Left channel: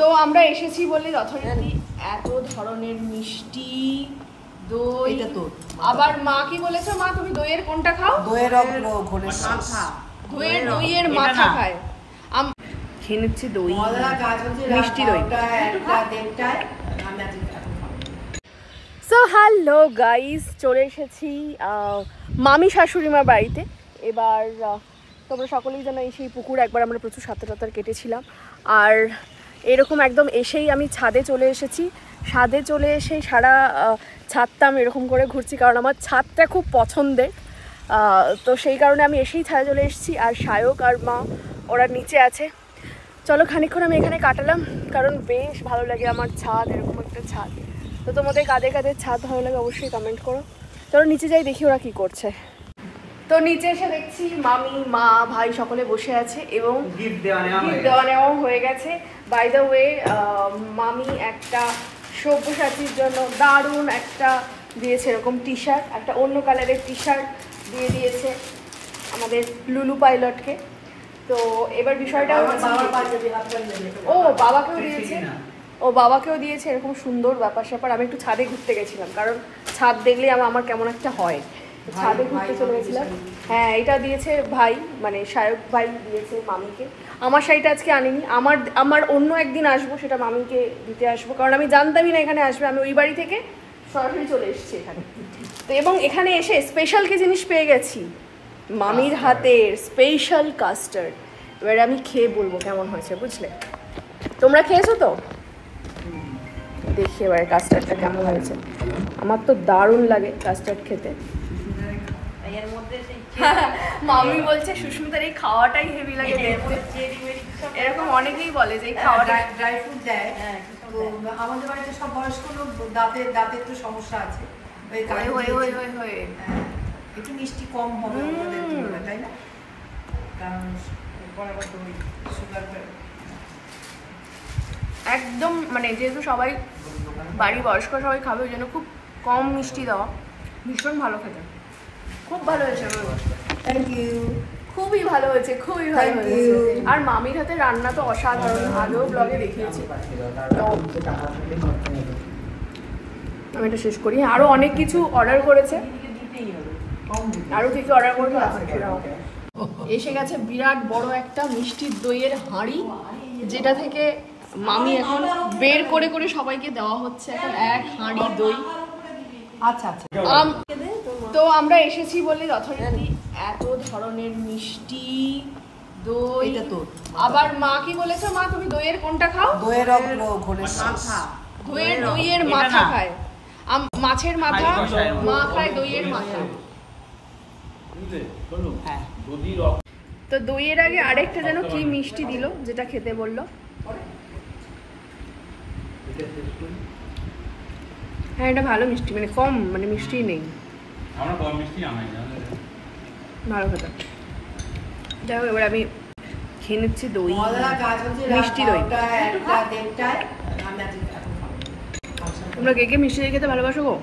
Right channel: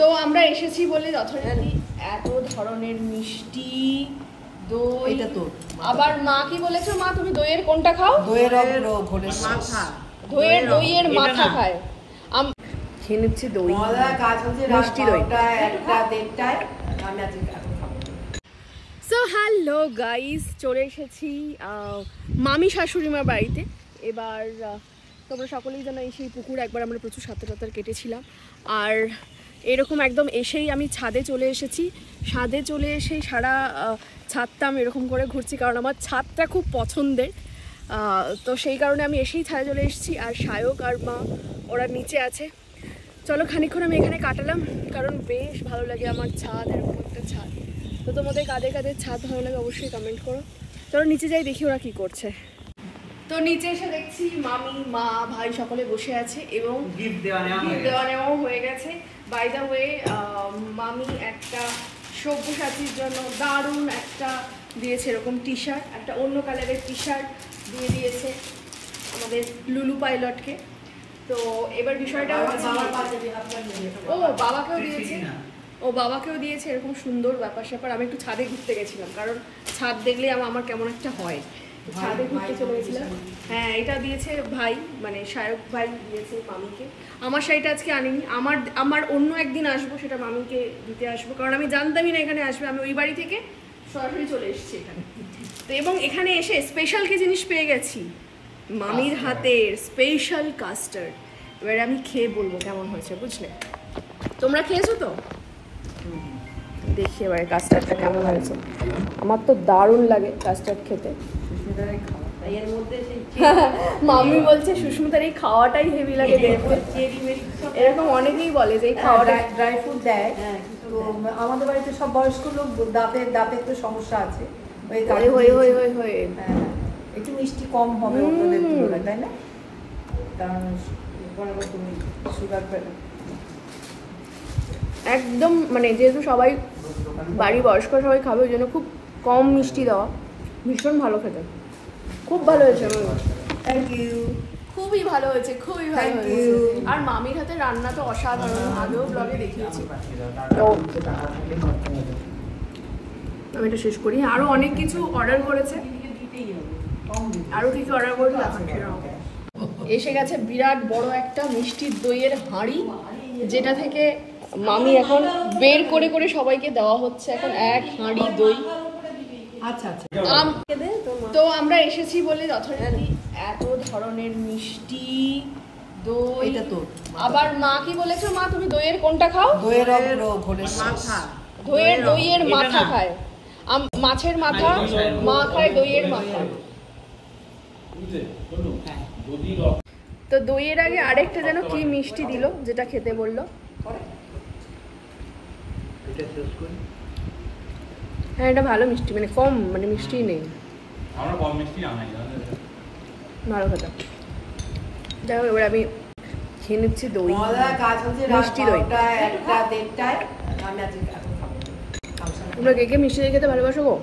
তো আমরা এসেছি বলে যথারীতি এত ধরনের মিষ্টি দই। আবার মা কি বলেছো? মা তুমি দইয়ের কোনটা খাও? দইয়ের মাথা খায়। খেয়ে নিচ্ছি দই, মিষ্টি দই। সো হ্যালো গাইস, চলে এসেছি মামি শাশুড়িমার বাড়িতে। এবার তোমরা সকলেই জানো এই সেই পুকুর একবার আমরা প্রচুর সাঁতার কেটেছিলাম। আর এরকম একদম এসেই আমি ছাদে চলে এসেছি। ছাদে চলে এসে সারা ছাদটা আমি এরকম করে ঘুরছি, কারণ আমার ছাদটা খুব পছন্দের। তো সেই কারণে আমি এসেই ছাদে চলে এসেছি। আর সায়ক আর মা ওরা নিচে আছে। চলো খানিকক্ষণ আমি এখানে কাটালাম, কারণ বেশ ভালো লাগে আমার ছাদ, এরকম একটা ছাদ। তো তোমাদের কাদের কাদের ছাদ ভালো লাগে অবশ্যই কমেন্ট করো। চলো নিচে যাই, দেখি ওরা কি করছে। তো নিচে এসে দেখছি মামি, মা, ভাই সকলে বসে আছে এবং গিফট দেওয়া নেওয়া হয়ে গেছে। বাই দ্য ওয়ে, মামি একটা সব্যসাচীর জন্য দারুণ একটা দিয়েছে, এরকম টি শার্ট, একটা অন্য কালারের টি শার্ট দিয়ে দিয়েছে আমাদের লুলু পাইলটকে। তো এবার বিষয়টা বাবাকেও দিয়েছে এরকম সুন্দর ব্যাপার স্যাপার। আমি একটু ছাদে ঘুরতে গেছিলাম, কারণ ছাদ দেখলে আমার কেমন একটা হয়। ছাদে ঘুরতে চলে গেছিলাম। হ্যাঁ, এটা দিয়েছে ভাই, মানে সায়ক ভাই দিয়েছে মামিকে। আমার শাড়িটা আজকে আনিনি, আমার অন্য একদিন আসবো, সেটা মামিকে দিতে আসবো, কারণ আমি জানতামই না এখানে আসবে। আমি ওই বাড়ি থেকে সরাসরি চলে এসেছি এখানে। তো এবং এখানে এসে স্পেশাল কি জিনিস পেয়ে গেছি, মামির হাতের স্পেশাল কাস্টার্ড। এবারে আমি খেয়ে বলবো কেমন হয়েছে, বুঝলে? তোমরা খেয়েছো তো? দেখি এবারে কাস্টার্ডটা কেমন হয়েছে। আমার তো দারুণ লাগে কাস্টার্ড খেতে। মামি বলছে সুস্মিতার এই খাওয়াটাই হেভি লাগে দেখতে। এরকম অনেকেই বলে যে এই খাওয়াটা ড্রাই ফ্রুট দেয়। তো আমাদের বাড়িতে সব বয়স্ক লোক, দাঁতের তো সমস্যা আছে, একটু মিষ্টি কম হবে ওদের তুলনায়, তাই না? কারণ সুগার একদম, মানে যেহেতু সবাই বাড়ির বয়স্ক সবাই খাবে, ওই জন্য খুব কম মিষ্টি দেওয়া। ভীষণ ভালো খেতে, খুব ভালো হয়েছে। থ্যাংক ইউ, খুবই ভালো হয়েছে, খুবই ভালো হয়েছে। আর মামির হাতে রান্না তো অসাধারণ, আগেও ব্লগে দেখিয়েছি। তো আমি এটা শেষ করি। আরো অনেক কিছু অর্ডার করেছে, আরো কিছু অর্ডার করেছে দেখাচ্ছিলাম। এসে গেছে বিরাট বড় একটা মিষ্টির দইয়ের হাঁড়ি, যেটা থেকে মামি এখন বের করে করে সবাইকে দেওয়া হচ্ছে এখন এক হাঁড়ি দই। আচ্ছা আচ্ছা। তো আমরা এসেছি বলে যথারীতি এত ধরনের মিষ্টি দই। আবার মা কি বলেছো? মা তুমি দইয়ের কোনটা খাও? দইয়ের মাথা খায়। মাছের মাথা মা খায়, দইয়ের মাথা। তো দইয়ের আগে আরেকটা যেন কি মিষ্টি দিল, যেটা খেতে বললো। হ্যাঁ, এটা ভালো মিষ্টি, মানে কম, মানে মিষ্টি নেই, ভালো খেতে। যাই হোক, এবার আমি খেয়ে নিচ্ছি দই, মিষ্টি দই। তোমরা কে কে মিষ্টি দই খেতে ভালোবাসো গো?